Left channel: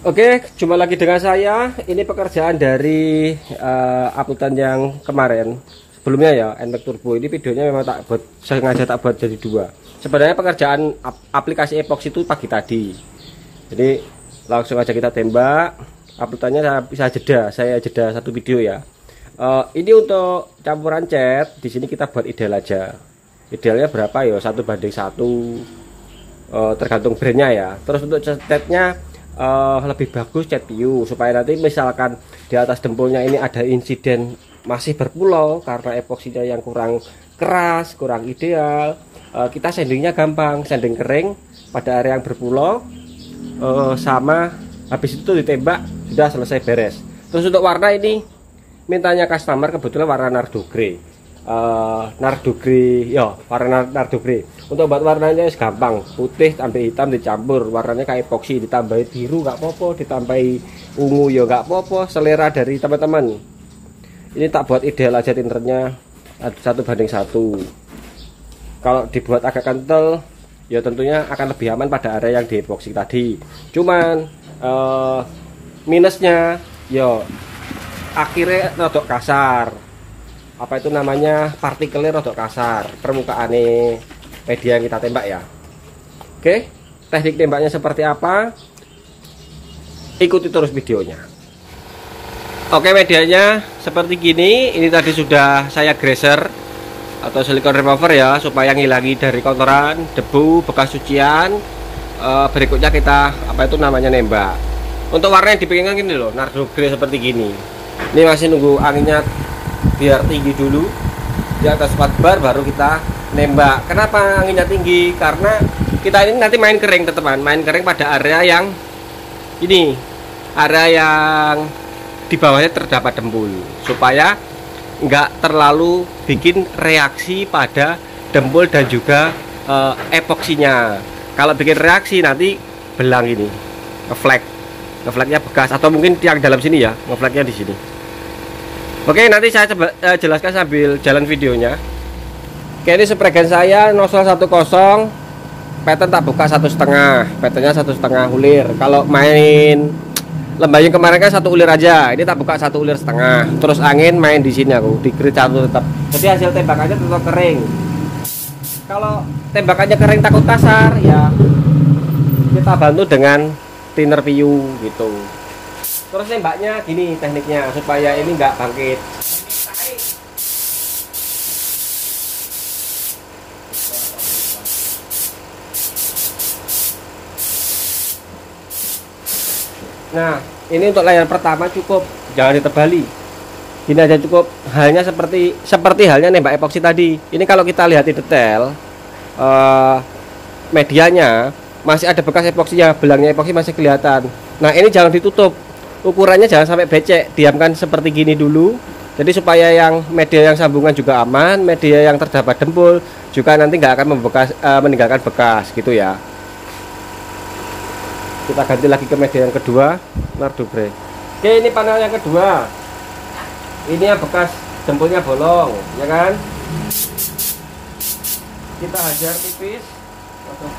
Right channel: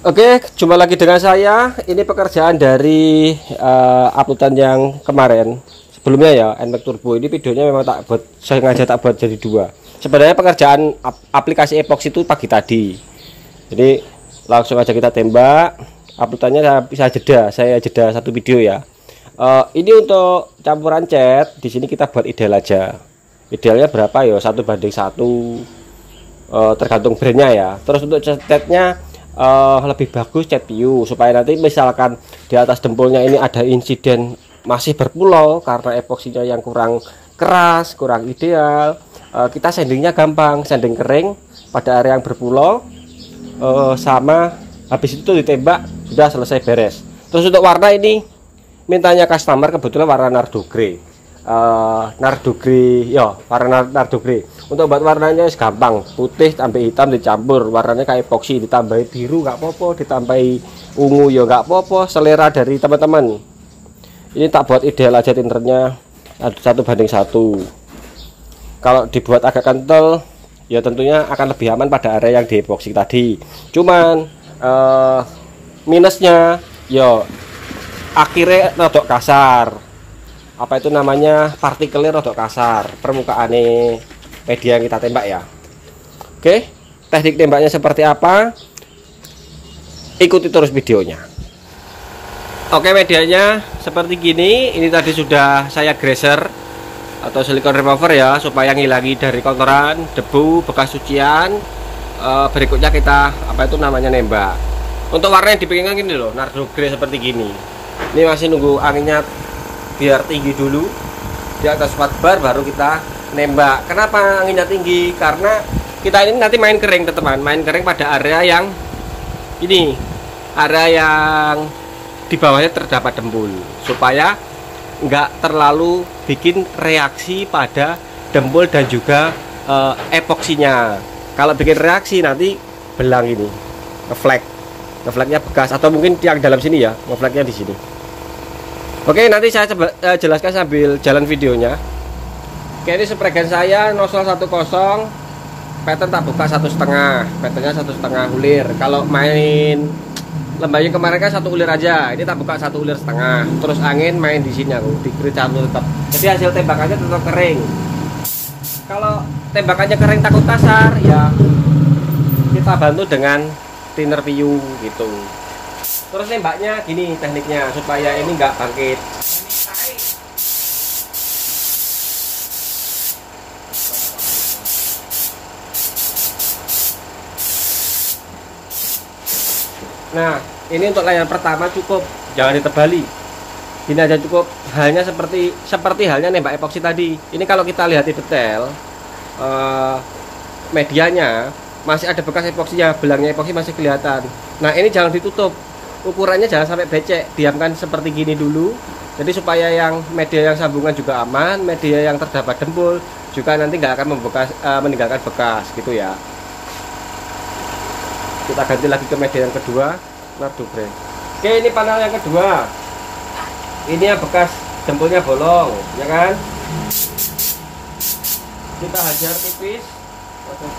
Oke, jumpa lagi dengan saya. Ini pekerjaan dari uploadan yang kemarin. Sebelumnya ya, NMAX Turbo ini videonya memang tak buat, sengaja tak buat jadi dua. Sebenarnya pekerjaan aplikasi epoxy itu pagi tadi. Jadi langsung aja kita tembak. Uploadannya bisa jeda, saya jeda satu video ya. Ini untuk campuran cat. Di sini kita buat ideal aja. Idealnya berapa ya? 1:1, tergantung brandnya ya. Terus untuk catnya lebih bagus cat PU supaya nanti misalkan di atas dempulnya ini ada insiden masih berpulau karena epoksinya yang kurang keras, kurang ideal, kita sandingnya gampang, sanding kering pada area yang berpulau, sama habis itu ditembak sudah selesai beres. Terus untuk warna ini mintanya customer kebetulan warna nardo grey. Nardo grey ya, warna nardo grey. Untuk buat warnanya gampang, putih sampai hitam dicampur, warnanya kayak epoksi, ditambahi biru nggak popo, ditambahi ungu ya nggak popo, selera dari teman-teman. Ini tak buat ideal aja tinternya 1:1. Kalau dibuat agak kental ya tentunya akan lebih aman pada area yang di epoksi tadi. Cuman minusnya ya akhirnya rodok kasar, apa itu namanya, partikelnya rodok kasar permukaan media yang kita tembak ya. Oke, teknik tembaknya seperti apa, ikuti terus videonya. Oke, medianya seperti gini. Ini tadi sudah saya greaser atau silikon remover ya, supaya ngilangi dari kotoran, debu, bekas cucian. Berikutnya kita apa itu namanya nembak. Untuk warna yang dipinginkan gini loh, nardo grey seperti gini. Ini masih nunggu anginnya biar tinggi dulu di atas 4 bar baru kita nembak. Kenapa anginnya tinggi? Karena kita ini nanti main kering teman-teman, main kering pada area yang ini, area yang di bawahnya terdapat dempul, supaya nggak terlalu bikin reaksi pada dempul dan juga epoksinya. Kalau bikin reaksi nanti belang ini, ngefleknya bekas, atau mungkin yang dalam sini ya, ngefleknya di sini. Oke, nanti saya coba jelaskan sambil jalan videonya. Oke, ini spregan saya 0010, pattern tak buka 1,5, patternnya 1,5 ulir. Kalau main lembahnya kemarin kan 1 ulir aja, ini tak buka 1,5 ulir. Terus angin main di sini aku, di grid 1 tetap. Jadi hasil tembakannya tetap kering. Kalau tembakannya kering takut kasar, ya kita bantu dengan thinner PU gitu. Terus nembaknya gini tekniknya supaya ini nggak bangkit. Nah, ini untuk layar pertama cukup, jangan ditebali. Ini aja cukup, hanya seperti halnya nembak epoksi tadi. Ini kalau kita lihat di detail, medianya masih ada bekas epoksinya, belangnya epoksi masih kelihatan. Nah, ini jangan ditutup. Ukurannya jangan sampai becek, diamkan seperti gini dulu. Jadi supaya yang media yang sambungan juga aman, media yang terdapat dempul juga nanti nggak akan meninggalkan bekas gitu ya. Kita ganti lagi ke media yang kedua, nardo grey. Oke, ini panel yang kedua. Ini yang bekas dempulnya bolong, ya kan? Kita hajar tipis. Waduh,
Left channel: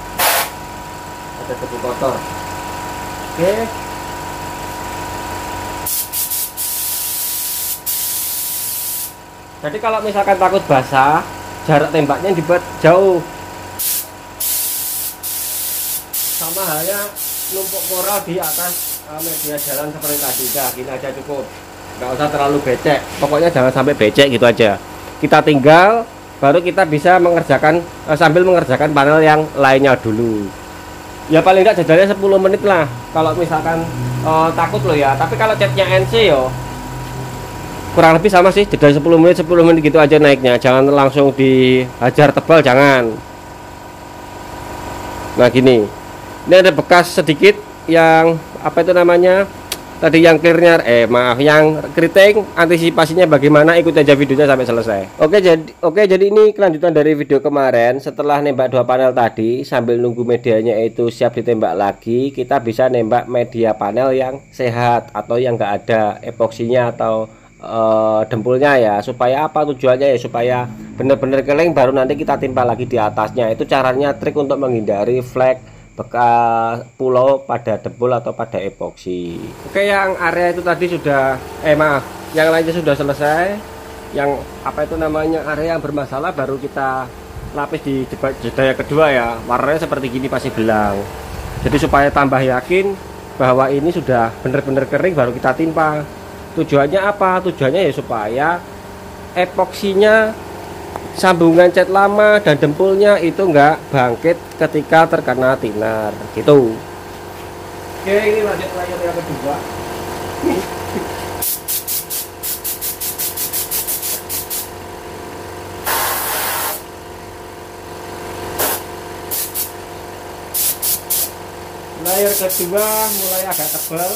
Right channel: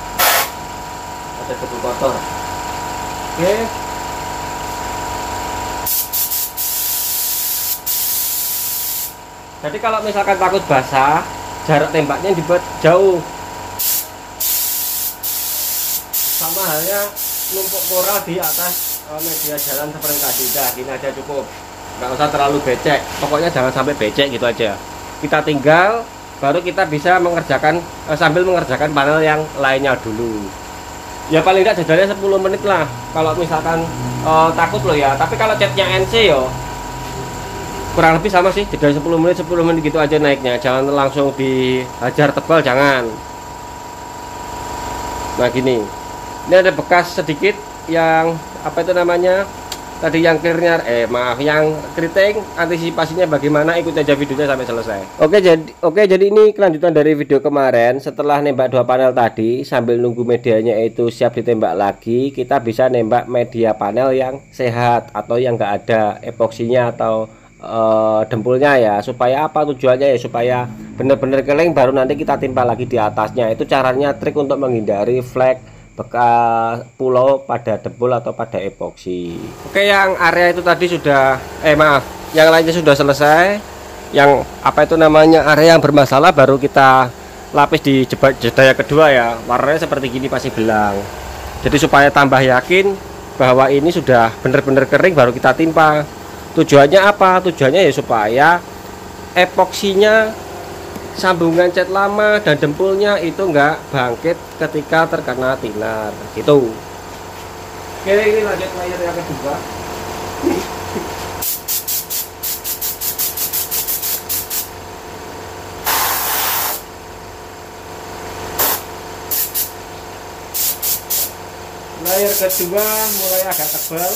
ada debu kotor. Oke. Jadi kalau misalkan takut basah, jarak tembaknya dibuat jauh. Sama halnya numpuk moral di atas media jalan seperti tadi. Dah, gini aja cukup, nggak usah terlalu becek, pokoknya jangan sampai becek gitu aja. Kita tinggal, baru kita bisa mengerjakan sambil mengerjakan panel yang lainnya dulu. Ya paling nggak jajarnya 10 menit lah kalau misalkan takut loh ya. Tapi kalau catnya NC yo kurang lebih sama sih, jeda 10 menit gitu aja naiknya, jangan langsung dihajar tebal, jangan. Nah gini, ini ada bekas sedikit yang apa itu namanya tadi, yang clearnya yang keriting. Antisipasinya bagaimana, ikut aja videonya sampai selesai. Oke, jadi ini kelanjutan dari video kemarin. Setelah nembak 2 panel tadi, sambil nunggu medianya itu siap ditembak lagi, kita bisa nembak media panel yang sehat atau yang enggak ada epoksinya atau dempulnya ya. Supaya apa tujuannya ya, supaya benar-benar kering baru nanti kita timpa lagi di atasnya. Itu caranya, trik untuk menghindari flek, bekas pulau pada dempul atau pada epoksi. Oke, yang area itu tadi sudah maaf, yang lainnya sudah selesai. Yang apa itu namanya, area yang bermasalah baru kita lapis di jeda kedua ya. Warnanya seperti gini, pasti belang. Jadi supaya tambah yakin bahwa ini sudah benar-benar kering baru kita timpa. Tujuannya apa? Tujuannya ya supaya epoksinya, sambungan cat lama dan dempulnya itu enggak bangkit ketika terkena tinar gitu. Oke, ini lanjut layar yang kedua. Layar kedua mulai agak tebal,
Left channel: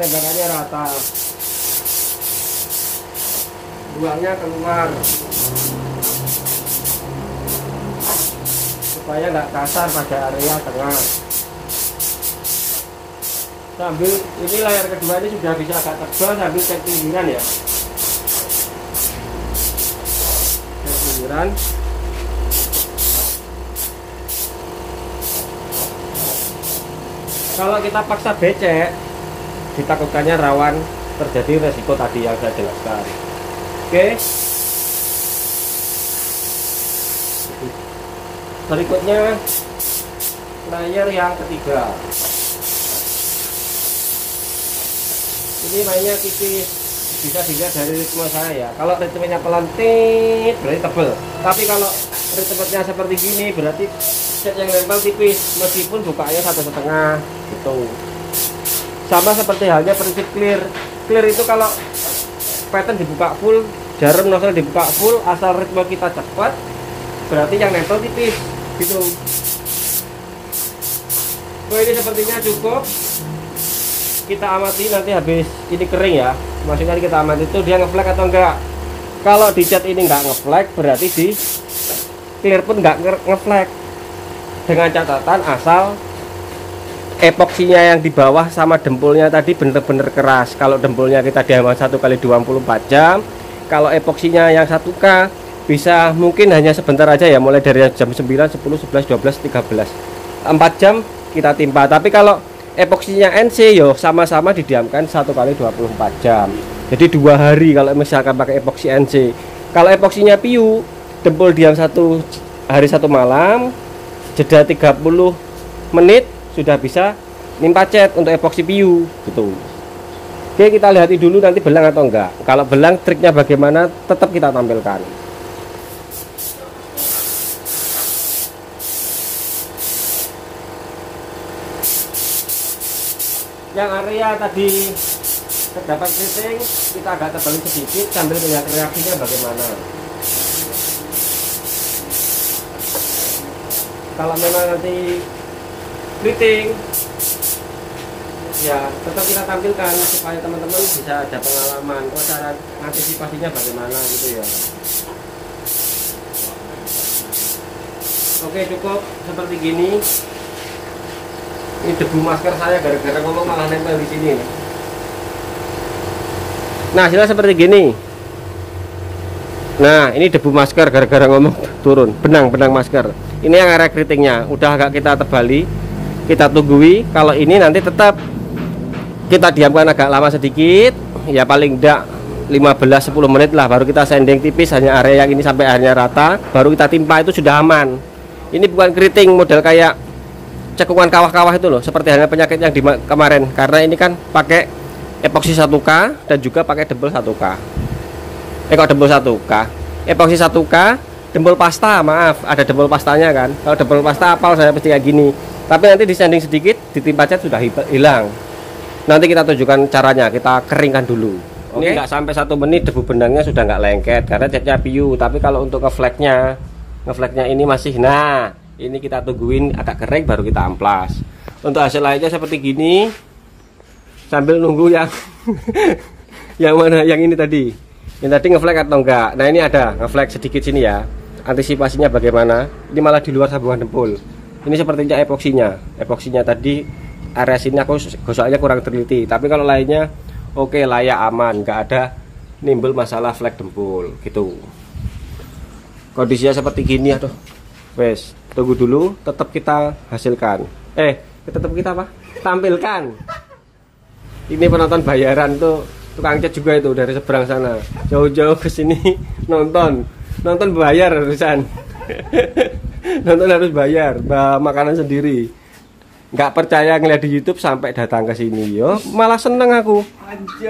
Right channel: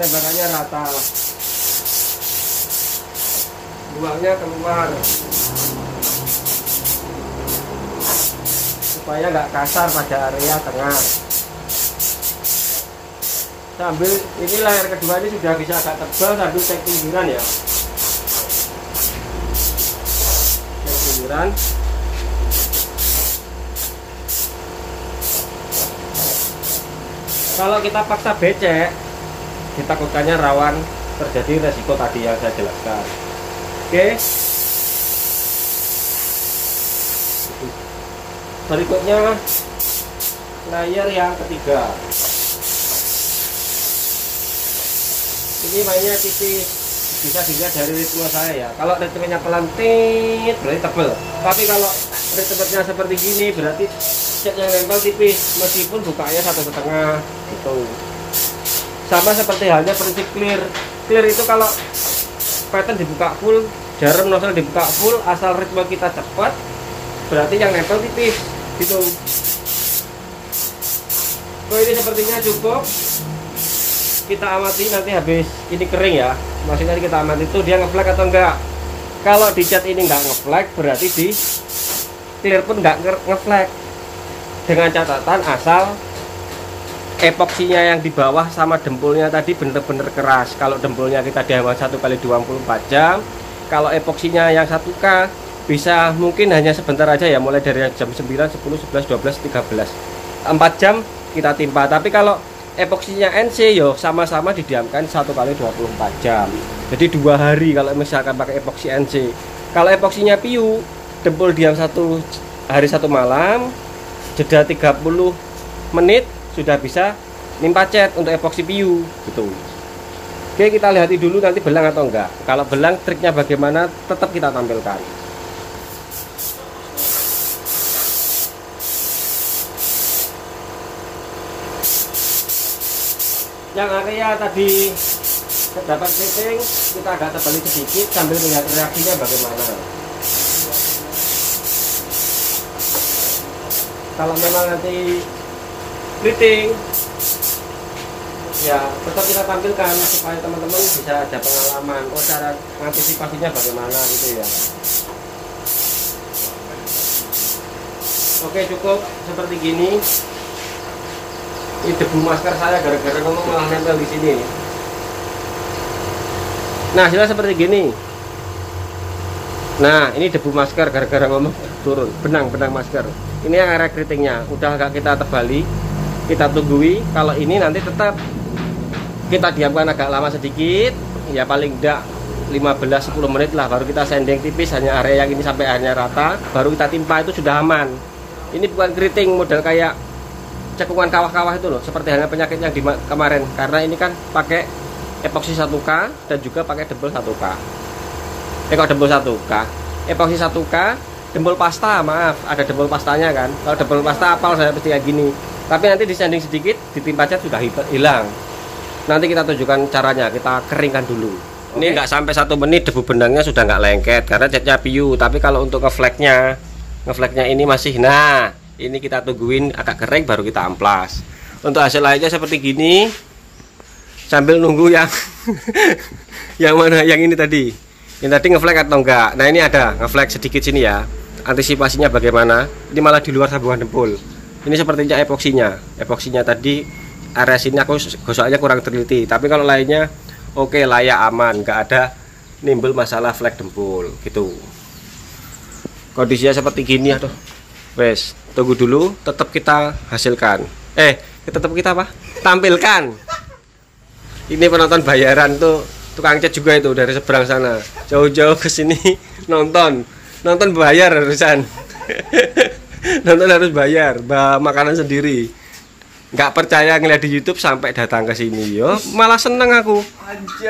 tembakannya rata, buahnya keluar supaya nggak kasar pada area tengah. Sambil ini layar kedua ini sudah bisa agak tebal, sambil cek pinggiran ya, cek pinggiran. Kalau kita paksa becek, ditakutkannya rawan terjadi resiko tadi yang saya jelaskan. Oke. Berikutnya layer yang ketiga. Ini mainnya tipis, bisa dilihat dari ritme saya ya. Kalau ritmenya pelantit berarti tebel. Tapi kalau ritmenya seperti gini berarti cat yang nempel tipis, meskipun bukanya 1,5 gitu. Sama seperti halnya prinsip clear. Clear itu kalau pattern dibuka full, jarum nozzle dibuka full, asal ritme kita cepat, berarti yang nempel tipis gitu. Oh, ini sepertinya cukup. Kita amati nanti habis ini kering ya. Maksudnya kita amati itu dia ngeflag atau enggak. Kalau di cat ini enggak ngeflag, berarti di clear pun enggak ngeflag. Dengan catatan asal epoksinya yang di bawah sama dempulnya tadi bener-bener keras. Kalau dempulnya kita diamkan 1 kali 24 jam, kalau epoksinya yang 1K bisa mungkin hanya sebentar aja ya, mulai dari jam 9, 10, 11, 12, 13, 4 jam kita timpa. Tapi kalau epoksinya NC yo sama-sama didiamkan 1 kali 24 jam, jadi 2 hari kalau misalkan pakai epoksi NC. Kalau epoksinya PU, dempul diam 1 hari 1 malam, jeda 30 menit sudah bisa nimpa cat untuk epoksi PU gitu. Oke, kita lihat dulu nanti belang atau enggak. Kalau belang, triknya bagaimana tetap kita tampilkan. Yang area tadi terdapat keriting, kita agak tebalin sedikit sambil melihat reaksinya bagaimana. Kalau memang nanti keriting, ya tetap kita tampilkan supaya teman-teman bisa ada pengalaman, oh cara antisipasinya bagaimana gitu ya. Oke, cukup seperti gini. Ini debu masker saya gara-gara ngomong malah nempel di sini. Nah, hasilnya seperti gini. Nah, ini debu masker gara-gara ngomong turun, benang masker. Ini yang area keritingnya udah agak kita tebali, kita tunggui. Kalau ini nanti tetap kita diamkan agak lama sedikit, ya paling enggak 15-10 menit lah, baru kita sanding tipis hanya area yang ini sampai akhirnya rata, baru kita timpa, itu sudah aman. Ini bukan keriting model kayak cekungan kawah-kawah itu loh, seperti halnya penyakit yang di kemarin, karena ini kan pakai epoksi 1K dan juga pakai dempul 1K. Kok dempul 1K? Epoksi 1K, dempul pasta, maaf, ada dempul pastanya kan. Kalau dempul pasta apal saya pasti kayak gini. Tapi nanti di sanding sedikit, ditimpa cat sudah hilang. Nanti kita tunjukkan caranya, kita keringkan dulu. Ini nggak sampai 1 menit debu benangnya sudah nggak lengket karena catnya PU. Tapi kalau untuk ngeflagnya ini masih. Nah, ini kita tungguin agak kering baru kita amplas. Untuk hasil lainnya seperti gini. Sambil nunggu yang yang mana, yang ini tadi. Yang tadi ngeflag atau enggak. Nah, ini ada ngeflag sedikit sini ya. Antisipasinya bagaimana? Ini malah di luar sambungan dempul. Ini sepertinya epoksinya. Epoksinya tadi area sini aku gosoknya kurang teliti. Tapi kalau lainnya oke, layak, aman, nggak ada nimbul masalah flag dempul gitu. Kondisinya seperti gini ya tuh. Wes. tunggu dulu, tetap kita hasilkan. Tetap kita apa? Tampilkan. Ini penonton bayaran tuh, tukang cat juga itu dari seberang sana, jauh-jauh ke sini nonton bayar harusan. Nonton harus bayar, bawa makanan sendiri. Nggak percaya ngeliat di YouTube sampai datang ke sini, yo malah seneng aku.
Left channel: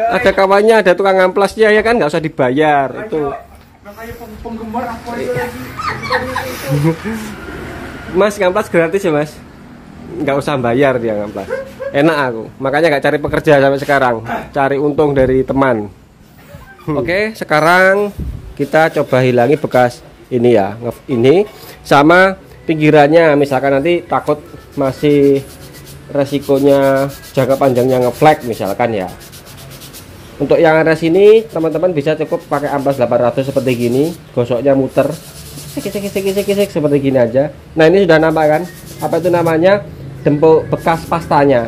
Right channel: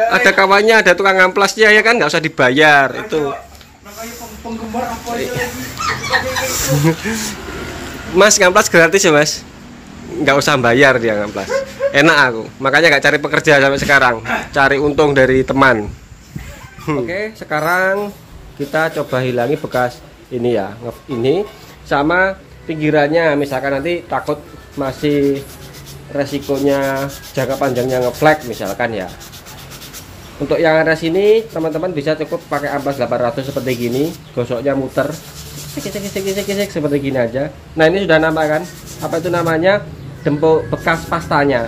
Ada kawannya, ada tukang amplasnya ya kan, nggak usah dibayar itu. Mas ngamplas gratis ya mas, nggak usah bayar dia ngamplas. Enak aku, makanya nggak cari pekerja sampai sekarang, cari untung dari teman. Oke, sekarang kita coba hilangi bekas ini ya, ini sama pinggirannya. Misalkan nanti takut masih resikonya jangka panjangnya ngeflek misalkan ya. Untuk yang ada sini teman-teman bisa cukup pakai amplas 800 seperti gini, gosoknya muter kisik seperti gini aja. Nah ini sudah nampak kan, apa itu namanya, jempol bekas pastanya.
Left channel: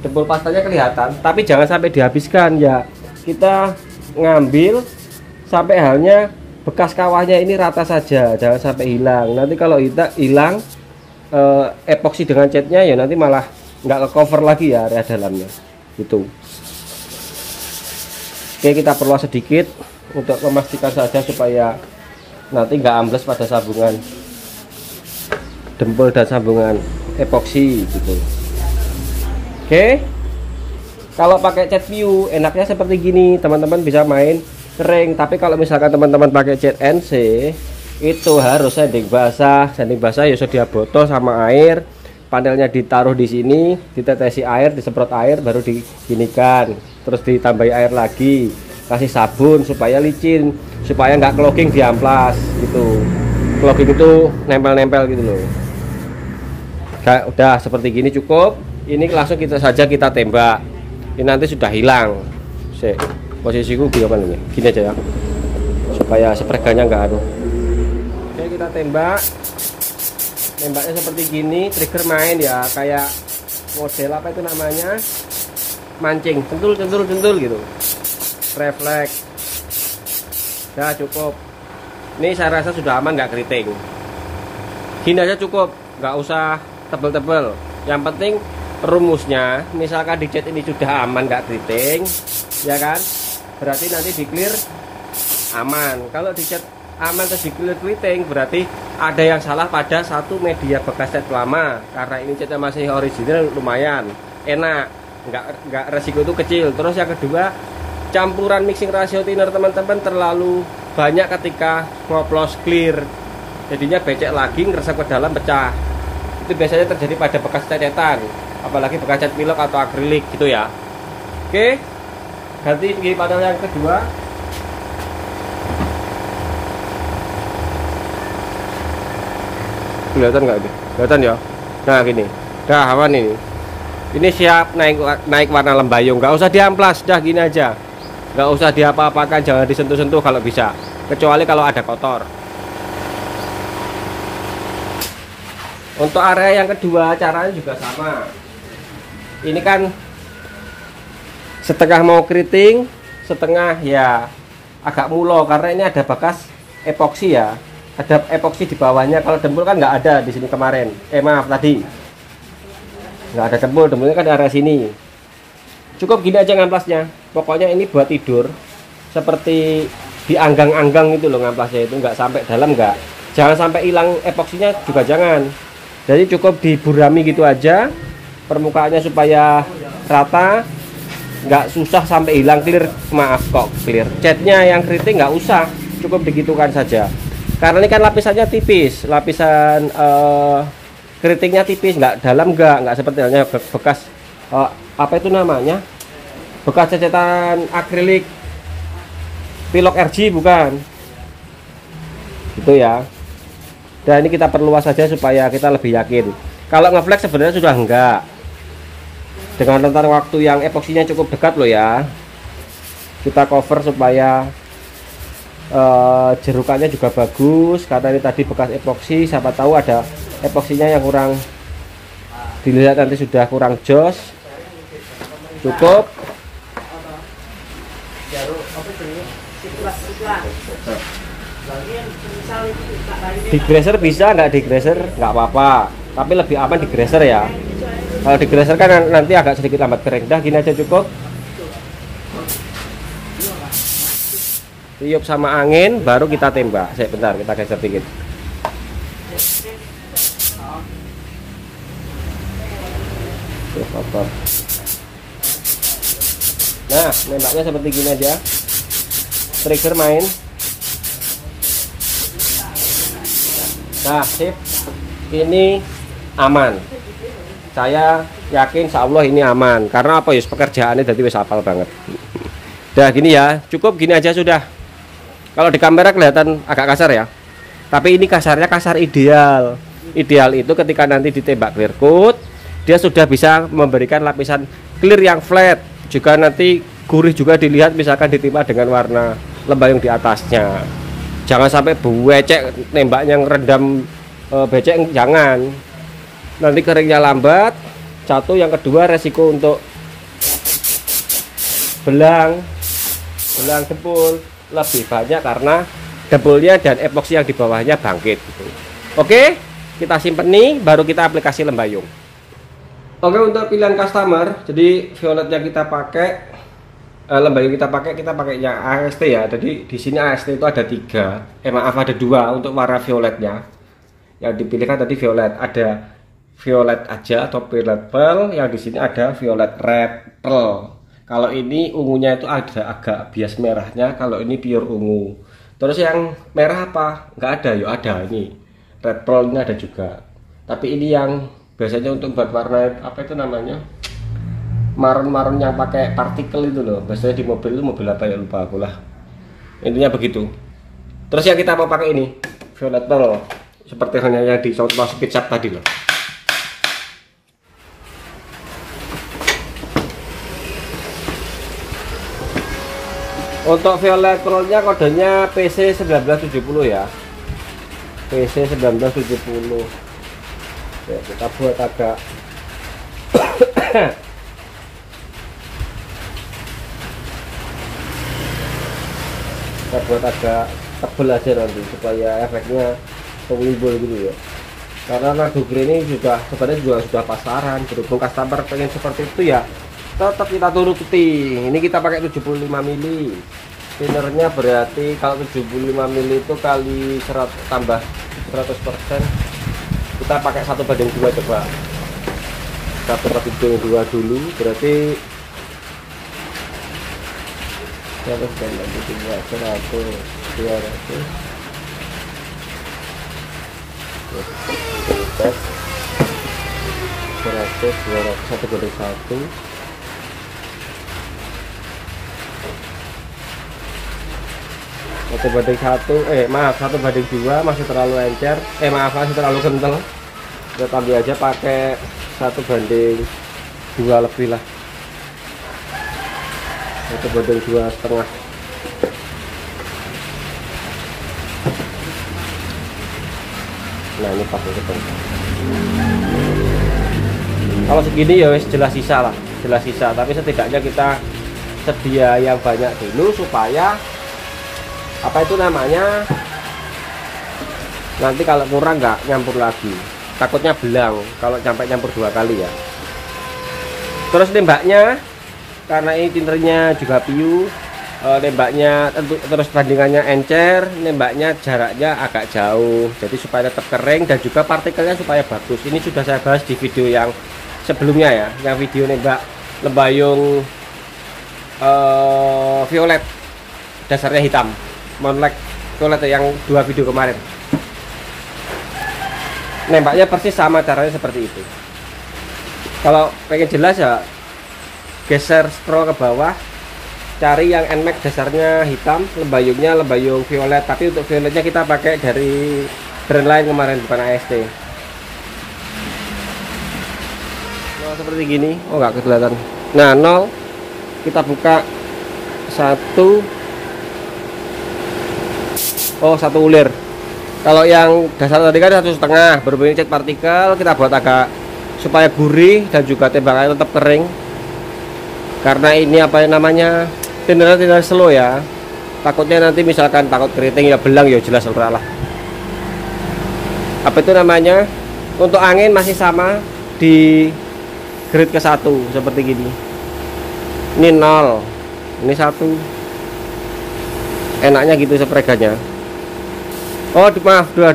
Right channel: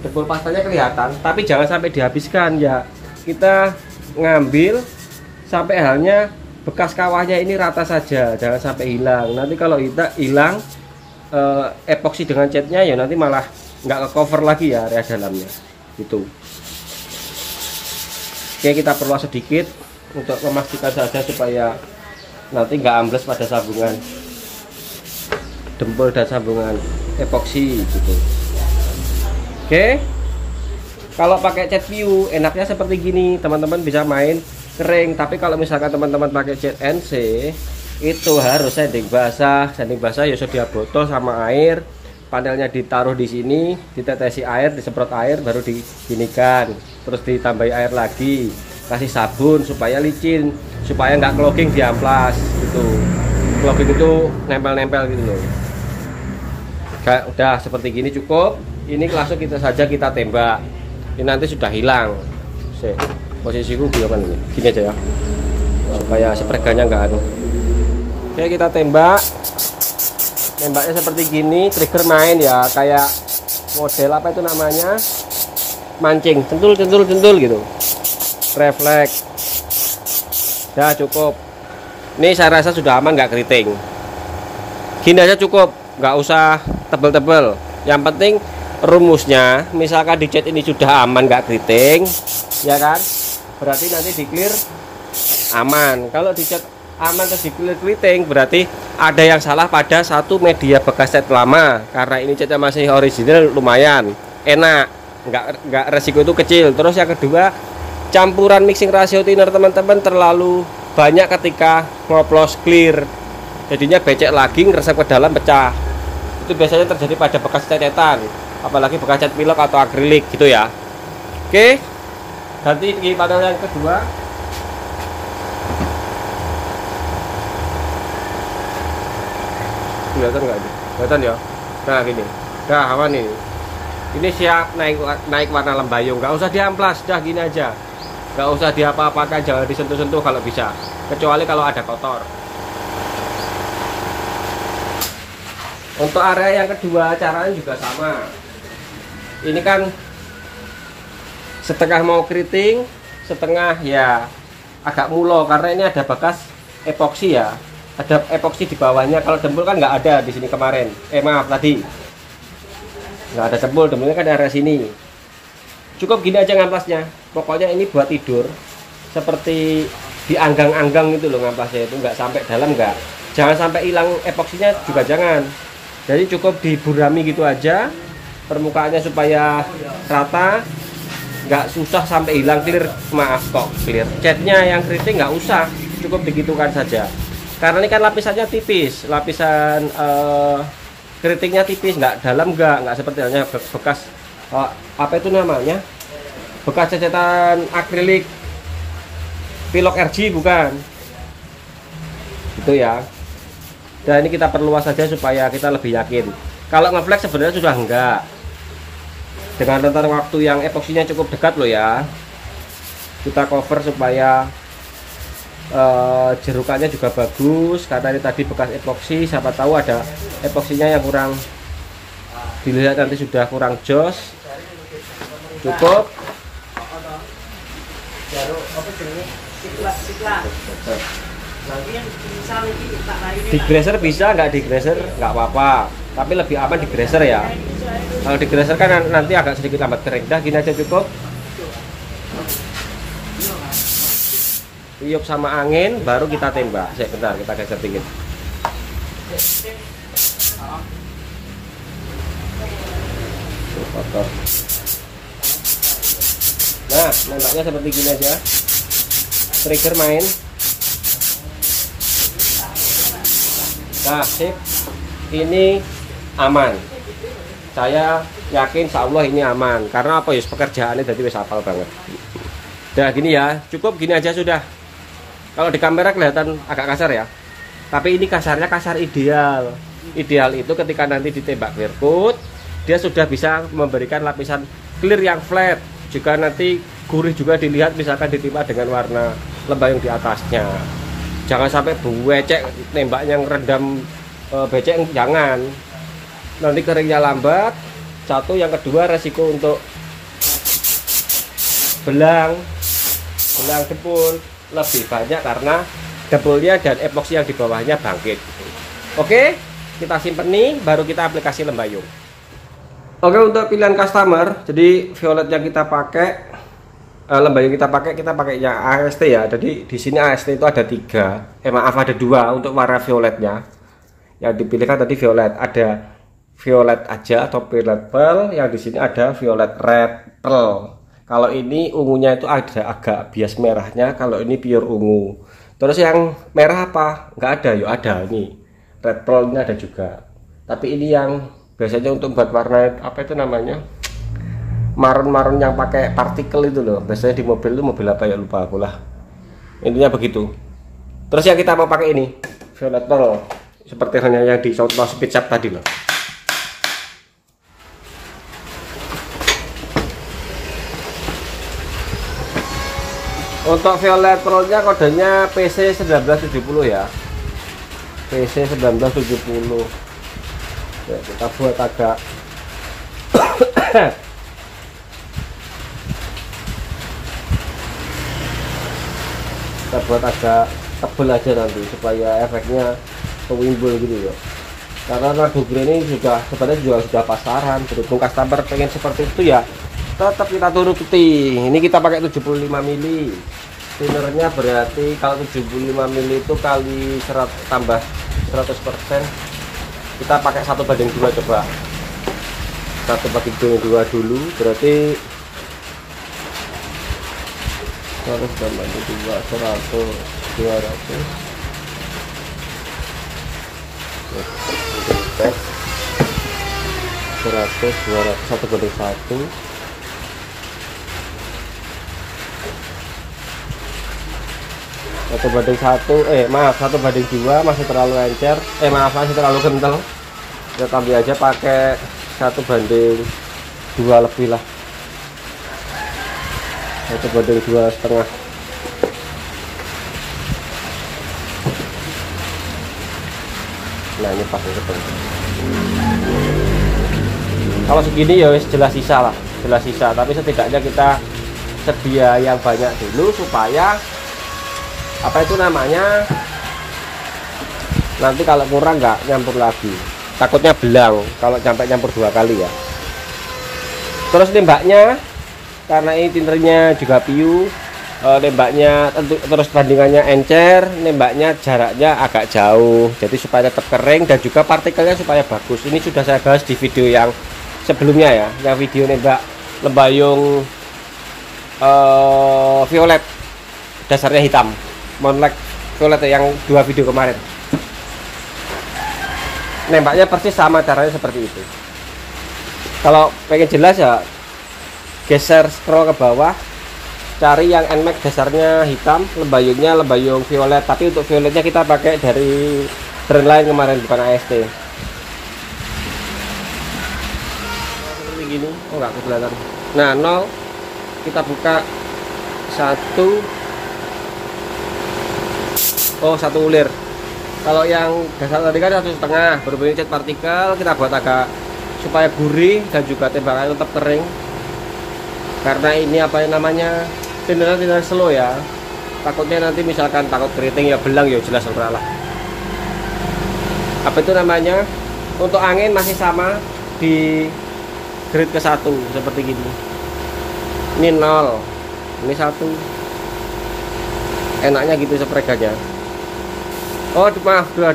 Jempol pastanya kelihatan, tapi jangan sampai dihabiskan ya. Kita ngambil sampai halnya bekas kawahnya ini rata saja, jangan sampai hilang. Nanti kalau hilang epoksi dengan catnya ya nanti malah nggak ke cover lagi ya area dalamnya gitu. Oke, kita perluas sedikit untuk memastikan saja supaya nanti nggak ambles pada sambungan dempul dan sambungan epoksi gitu. Oke, kalau pakai cat view enaknya seperti gini, teman-teman bisa main kering. Tapi kalau misalkan teman-teman pakai cat NC itu harus sanding basah ya sudah botol sama air, panelnya ditaruh di sini, ditetesi air, disemprot air, baru diginikan, terus ditambahi air lagi, kasih sabun supaya licin, supaya nggak clogging di amplas gitu. Clogging itu nempel-nempel gitu loh. Udah seperti gini cukup. Ini langsung kita tembak. Ini nanti sudah hilang. Posisiku gimana nih? Gini aja ya, supaya spreganya nggak anu. Oke, kita tembak. Tembaknya seperti gini, trigger main ya, kayak model apa itu namanya, mancing, centul gitu, refleks. Ya cukup. Ini saya rasa sudah aman, nggak keriting. Gini aja cukup, nggak usah tebel-tebel. Yang penting rumusnya, misalkan di cat ini sudah aman, nggak keriting, ya kan? Berarti nanti di clear aman. Kalau di cat aman terus di clear keriting, berarti ada yang salah pada satu media bekas cat lama. Karena ini catnya masih original, lumayan enak, nggak resiko itu kecil. Terus yang kedua, campuran mixing ratio thinner teman-teman terlalu banyak ketika ngoplos clear, jadinya becek lagi, ngeresep ke dalam, pecah. Itu biasanya terjadi pada bekas cat-catan, apalagi bekas cat pilok atau akrilik gitu ya. Oke, ganti di panel yang kedua. Kelihatan nggak ini? Kelihatan ya. Nah gini, nah awan ini siap naik warna lembayung, nggak usah diamplas, dah gini aja, nggak usah diapa-apakan, jangan disentuh-sentuh kalau bisa, kecuali kalau ada kotor. Untuk area yang kedua caranya juga sama. Ini kan setengah mau keriting, setengah ya agak mulo karena ini ada bekas epoksi ya. Ada epoksi di bawahnya. Kalau dempul kan nggak ada di sini kemarin. Maaf tadi nggak ada dempul, dempulnya kan di area sini. Cukup gini aja ngamplasnya. Pokoknya ini buat tidur, seperti dianggang-anggang gitu loh ngamplasnya, itu nggak sampai dalam, nggak. Jangan sampai hilang epoksinya juga jangan. Jadi cukup diburami gitu aja permukaannya supaya rata, nggak susah sampai hilang clear. Maaf kok clear. Catnya yang keriting nggak usah, cukup digitukan saja. Karena ini kan lapisannya tipis, lapisan keritingnya tipis, nggak dalam, nggak seperti halnya bekas apa itu namanya, bekas cecetan akrilik pilok RG, bukan gitu ya. Dan ini kita perluas saja supaya kita lebih yakin. Kalau ngeflex sebenarnya sudah enggak, dengan rentang waktu yang epoksinya cukup dekat loh ya. Kita cover supaya jerukannya juga bagus, karena ini tadi bekas epoksi, siapa tahu ada epoksinya yang kurang, dilihat nanti sudah kurang jos. Tutup. Di graser bisa, nggak di graser nggak apa-apa, tapi lebih aman di graser ya. Kalau di graser kan nanti agak sedikit lambat kering. Dah gini aja cukup. Tiup sama angin baru kita tembak. Bentar, kita geser dikit. Kotor. Nah, nembaknya seperti gini aja. Trigger main. Nah, sip. Ini aman. Saya yakin insya Allah ini aman. Karena apa ya, pekerjaannya jadi wis hafal banget. Udah gini ya, cukup gini aja sudah. Kalau di kamera kelihatan agak kasar ya. Tapi ini kasarnya kasar ideal. Ideal itu ketika nanti ditembak clear coat, dia sudah bisa memberikan lapisan clear yang flat. Juga nanti gurih juga dilihat, misalkan ditimpa dengan warna lembayung di atasnya. Jangan sampai becek nembaknya ngerendam becek, jangan. Nanti keringnya lambat. Satu, yang kedua resiko untuk belang jebol lebih banyak karena debolnya dan epoksi yang di bawahnya bangkit. Oke, kita simpen nih, baru kita aplikasi lembayung. Oke, untuk pilihan customer, jadi violet yang kita pakai, lembayung kita pakainya AST ya. Jadi di sini AST itu ada 3, maaf ada 2 untuk warna violetnya. Yang dipilihkan tadi violet, ada violet aja atau violet pearl, yang di sini ada violet red pearl. Kalau ini ungunya itu ada agak bias merahnya, kalau ini pure ungu. Terus yang merah apa? Nggak ada, yuk ada ini. Red pearl ini ada juga. Tapi ini yang biasanya untuk buat warna apa itu namanya? Marun-marun yang pakai partikel itu loh. Biasanya di mobil itu mobil apa ya, lupa aku lah. Intinya begitu. Terus yang kita mau pakai ini, violet pearl. Seperti halnya yang di contoh speed shop tadi loh. Untuk violet pearlnya kodenya PC 1970 ya. PC 1970. Ya, kita buat agak kita buat agak tebel aja nanti supaya efeknya kewimbul gitu ya. Karena nado green ini juga sebenarnya sudah pasaran, berhubung customer pengen seperti itu ya, tetap kita turuti. Ini kita pakai 75 mili. Thinnernya berarti kalau 75 mili itu kali 100 tambah 100%, kita pakai 1:2 coba. 1:2 dulu berarti 100 200 100 200 1:1. Maaf 1:2 masih terlalu encer, masih terlalu kental. Kita tambah aja pakai 1:2 lebih lah, 1:2,5. Nah ini pakai ketemu. Kalau segini ya jelas sisa lah, jelas sisa. Tapi setidaknya kita sedia yang banyak dulu supaya apa itu namanya, nanti kalau kurang nggak nyampur lagi, takutnya bilang kalau sampai nyampur 2 kali ya. Terus nembaknya, karena ini tinternya juga piu, nembaknya terus bandingannya encer, nembaknya jaraknya agak jauh, jadi supaya tetap kering dan juga partikelnya supaya bagus. Ini sudah saya bahas di video yang sebelumnya ya, yang video nembak lembayung violet dasarnya hitam, monlek violet yang 2 video kemarin. Nembaknya persis sama, caranya seperti itu. Kalau pengen jelas ya geser scroll ke bawah, cari yang NMAX dasarnya hitam, lembayungnya lembayung violet. Tapi untuk violetnya kita pakai dari brand lain kemarin, bukan AST. Nah, seperti gini. Oh nggak kelihatan. Nah 0 kita buka 1. Oh 1 ulir. Kalau yang dasar tadi kan 1,5. Berhubung cek partikel, kita buat agak supaya gurih dan juga tembakannya tetap kering. Karena ini apa yang namanya, tindernya slow ya. takutnya nanti misalkan takut keriting ya belang ya jelas ora lah. Apa itu namanya, untuk angin masih sama di grade ke-1 seperti gini. Ini 0, ini 1. Enaknya gitu sepreganya. Oh maaf, 2.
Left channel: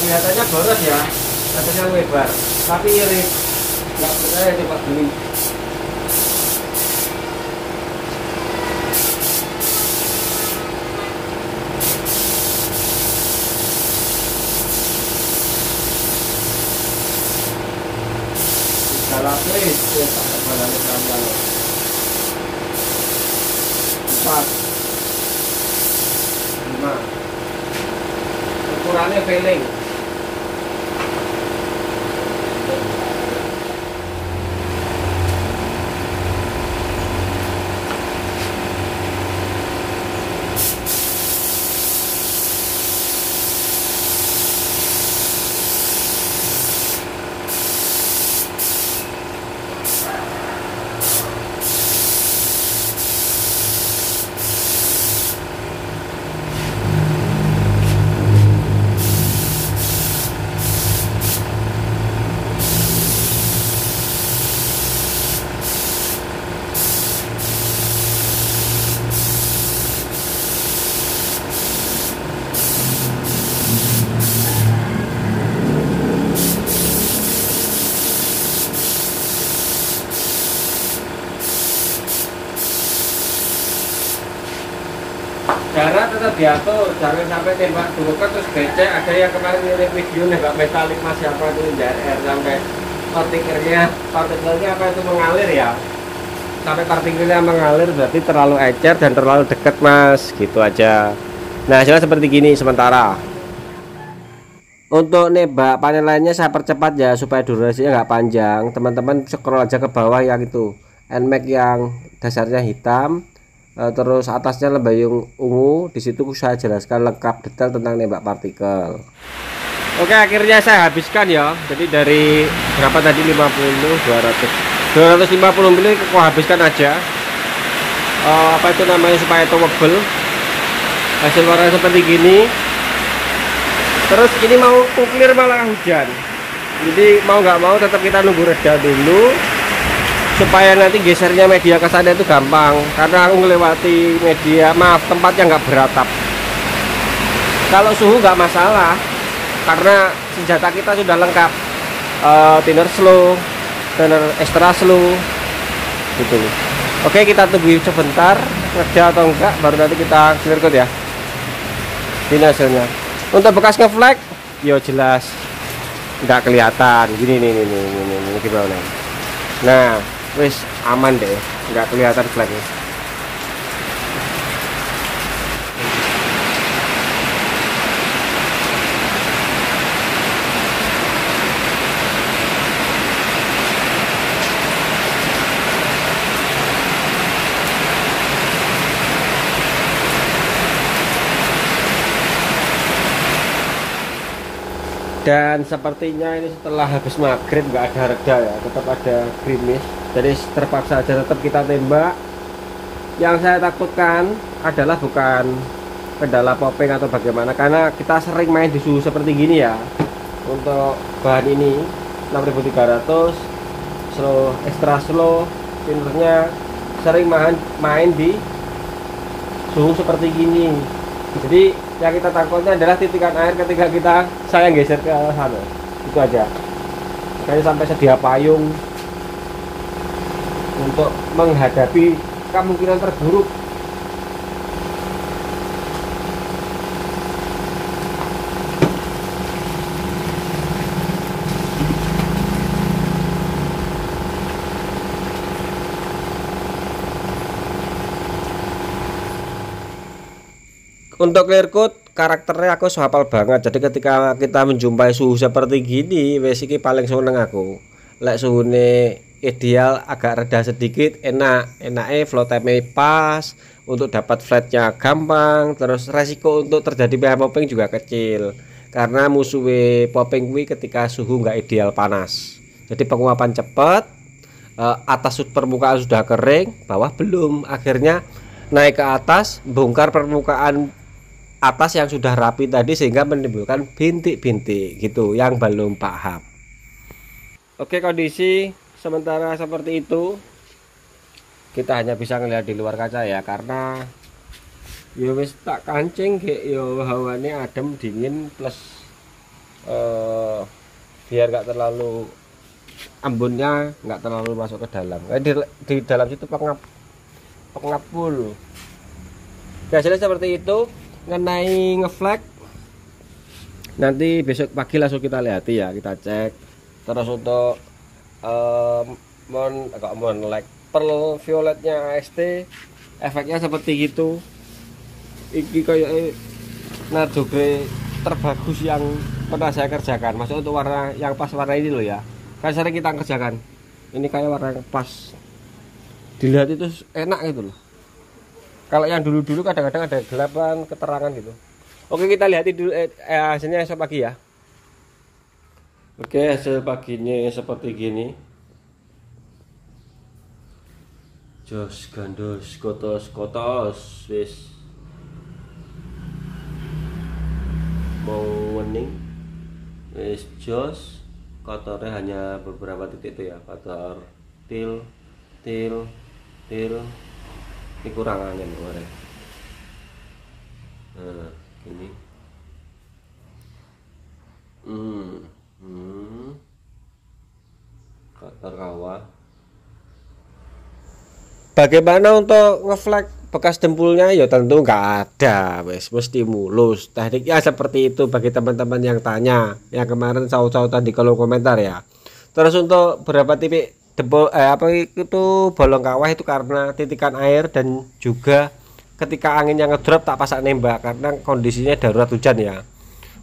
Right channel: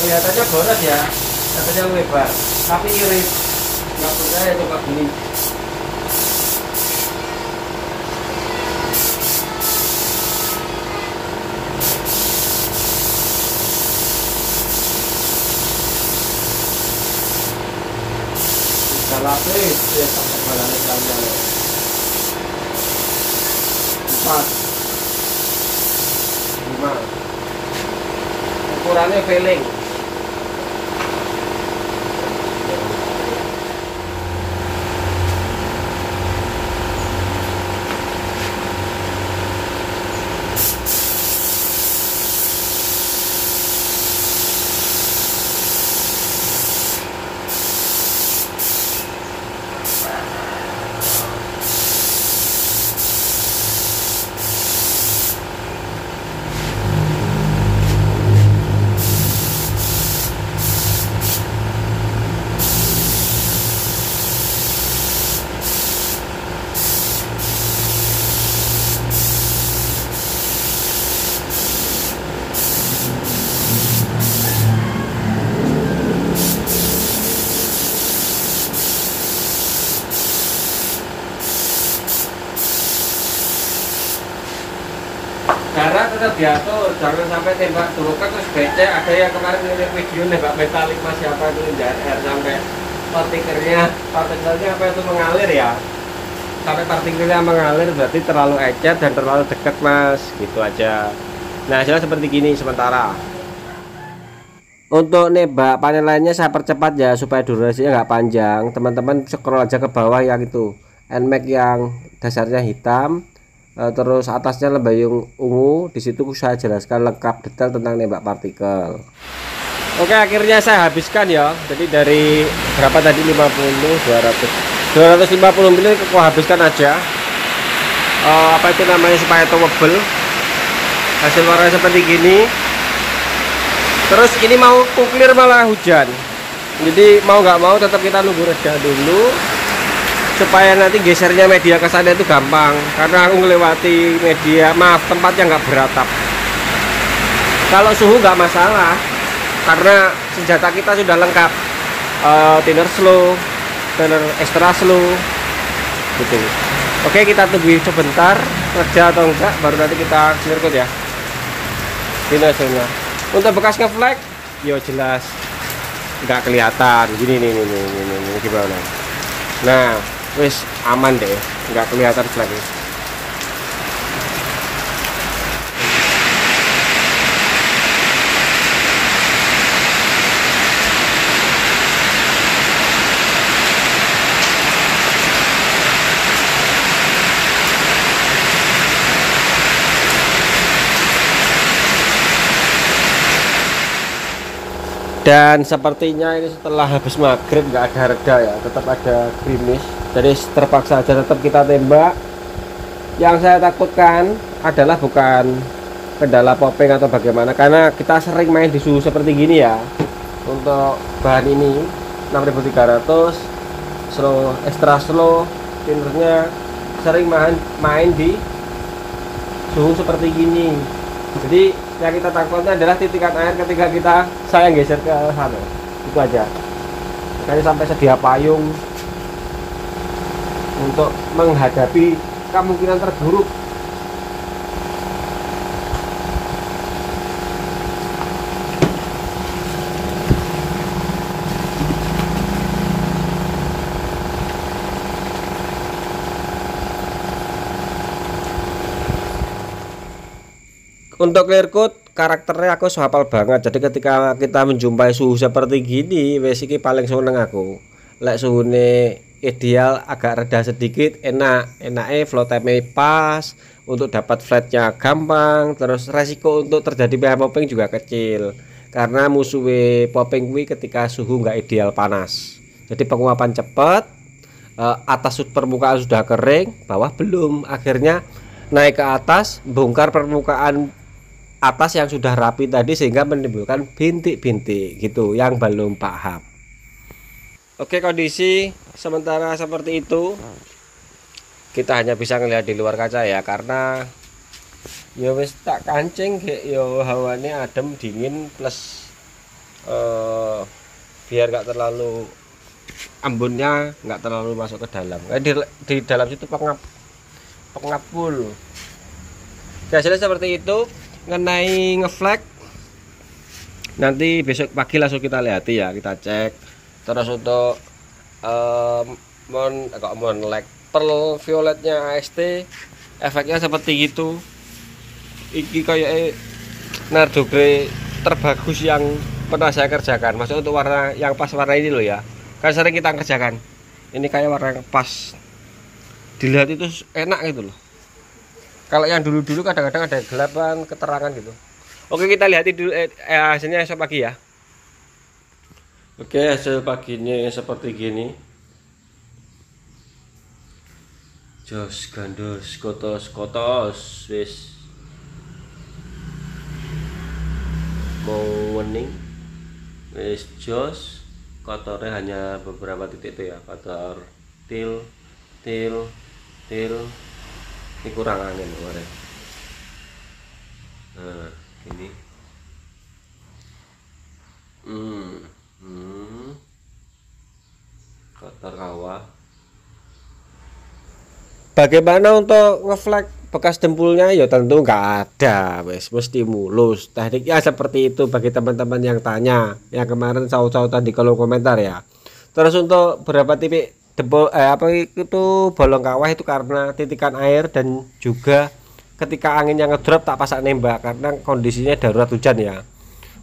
Kelihatannya boros ya, katanya lebar, tapi irit. Nggak percaya, coba beli. Bisa lapis ya, sampai mana nih kalian? 4, 5. Ukurannya feeling. Jarak tetap diatur, jangan sampai tembak durukan terus becek. Ada yang kemarin ngirim video nembak metalik mas siapa itu RR sampai partikelnya apa itu mengalir ya, sampai partikelnya mengalir berarti terlalu ecer dan terlalu dekat mas, gitu aja. Nah hasilnya seperti gini sementara. Untuk nembak panel lainnya saya percepat ya supaya durasinya nggak panjang. Teman-teman scroll aja ke bawah yang itu NMAX yang dasarnya hitam, terus atasnya lembayung ungu. Di situ saya jelaskan lengkap detail tentang nembak partikel. Oke, akhirnya saya habiskan ya. Jadi dari berapa tadi, 50, 200, 250 ml aku habiskan aja. Apa itu namanya, supaya towable. Hasil warna seperti gini. Terus ini mau clear malah hujan. Jadi mau nggak mau tetap kita nunggu reda dulu, supaya nanti gesernya media ke sana itu gampang, karena aku ngelewati media, tempat yang nggak beratap. Kalau suhu nggak masalah, karena senjata kita sudah lengkap, thinner slow, thinner extra slow gitu. Oke, kita tunggu sebentar kerja atau enggak, baru nanti kita clear coat ya. Ini hasilnya. Untuk bekas ngeflag yo jelas nggak kelihatan gini nih gimana. Nah wis aman deh, nggak kelihatan flagnya. Dan sepertinya ini setelah habis maghrib nggak ada reda ya, tetap ada gerimis. Jadi terpaksa aja tetap kita tembak. Yang saya takutkan adalah bukan kendala popping atau bagaimana, karena kita sering main di suhu seperti gini ya. Untuk bahan ini 6300 slow, extra slow, thinnernya sering main di suhu seperti gini. Jadi yang kita takutnya adalah titikan air ketika saya geser ke sana. Itu aja. Makanya sampai sedia payung untuk menghadapi kemungkinan terburuk. Untuk clear coat karakternya aku hafal banget. Jadi ketika kita menjumpai suhu seperti gini, wes iki paling seneng aku. Lek suhune ideal agak reda sedikit, enaknya flow time pas, untuk dapat flatnya gampang, terus resiko untuk terjadi pH popping juga kecil. Karena musuhnya popping kuwi ketika suhu nggak ideal panas. Jadi penguapan cepat, atas permukaan sudah kering, bawah belum. Akhirnya naik ke atas, bongkar permukaan atas yang sudah rapi tadi sehingga menimbulkan bintik-bintik gitu yang belum paham. Oke, kondisi sementara seperti itu. Kita hanya bisa ngelihat di luar kaca ya, karena ya wis tak kancing ya hawanya adem dingin plus biar nggak terlalu embunnya nggak terlalu masuk ke dalam. Di dalam situ pengapul. Hasilnya seperti itu. Mengenai ngeflag nanti besok pagi langsung kita lihat ya, kita cek. Terus untuk lag pearl violetnya AST efeknya seperti gitu. Iki kayak Nardo Grey terbagus yang pernah saya kerjakan. Maksudnya untuk warna yang pas warna ini loh ya, kan sering kita kerjakan. Ini kayak warna yang pas, dilihat itu enak gitu loh. Kalau yang dulu-dulu kadang-kadang ada gelapan keterangan gitu. Oke, kita lihat dulu hasilnya esok pagi ya. Oke, hasil paginya seperti gini. Jos gandos kotos wis mau wening, wis jos. Kotornya hanya beberapa titik itu ya, kotor til. Ini kurang angin kemarin. Nah, gini. Kotor kawah. Bagaimana untuk ngeflag bekas dempulnya? Ya tentu nggak ada, mesti mulus. Tekniknya seperti itu bagi teman-teman yang tanya, yang kemarin saut-sautan di kolom komentar ya. Terus untuk berapa titik dempul apa itu bolong kawah itu karena titikan air, dan juga ketika anginnya ngedrop tak pasak nembak karena kondisinya darurat hujan ya.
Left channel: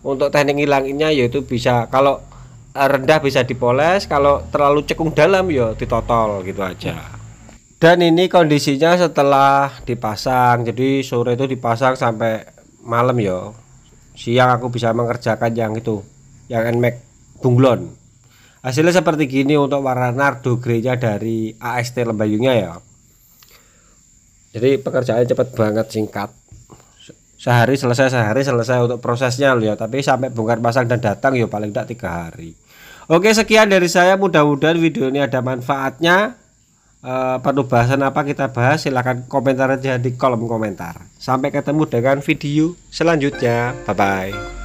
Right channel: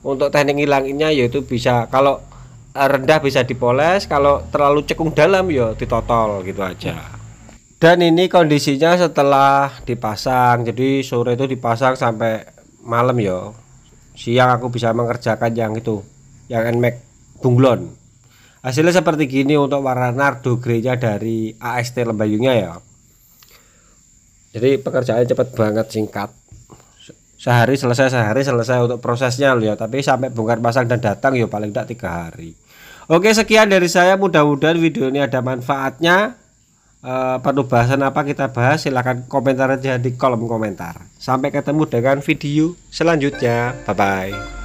Untuk teknik ngilanginnya yaitu bisa, kalau rendah bisa dipoles, kalau terlalu cekung dalam ya ditotol gitu aja. Dan ini kondisinya setelah dipasang, jadi sore itu dipasang sampai malam ya. Siang aku bisa mengerjakan yang itu, yang NMAX bunglon. Hasilnya seperti gini untuk warna Nardo Grey-nya dari AST Lembayungnya ya. Jadi pekerjaannya cepat banget, singkat. Sehari selesai untuk prosesnya loh ya. Tapi sampai bongkar pasang dan datang ya paling tidak 3 hari. Oke, sekian dari saya, mudah-mudahan video ini ada manfaatnya. Perlu bahasan apa kita bahas, silahkan komentar aja di kolom komentar. Sampai ketemu dengan video selanjutnya, bye bye.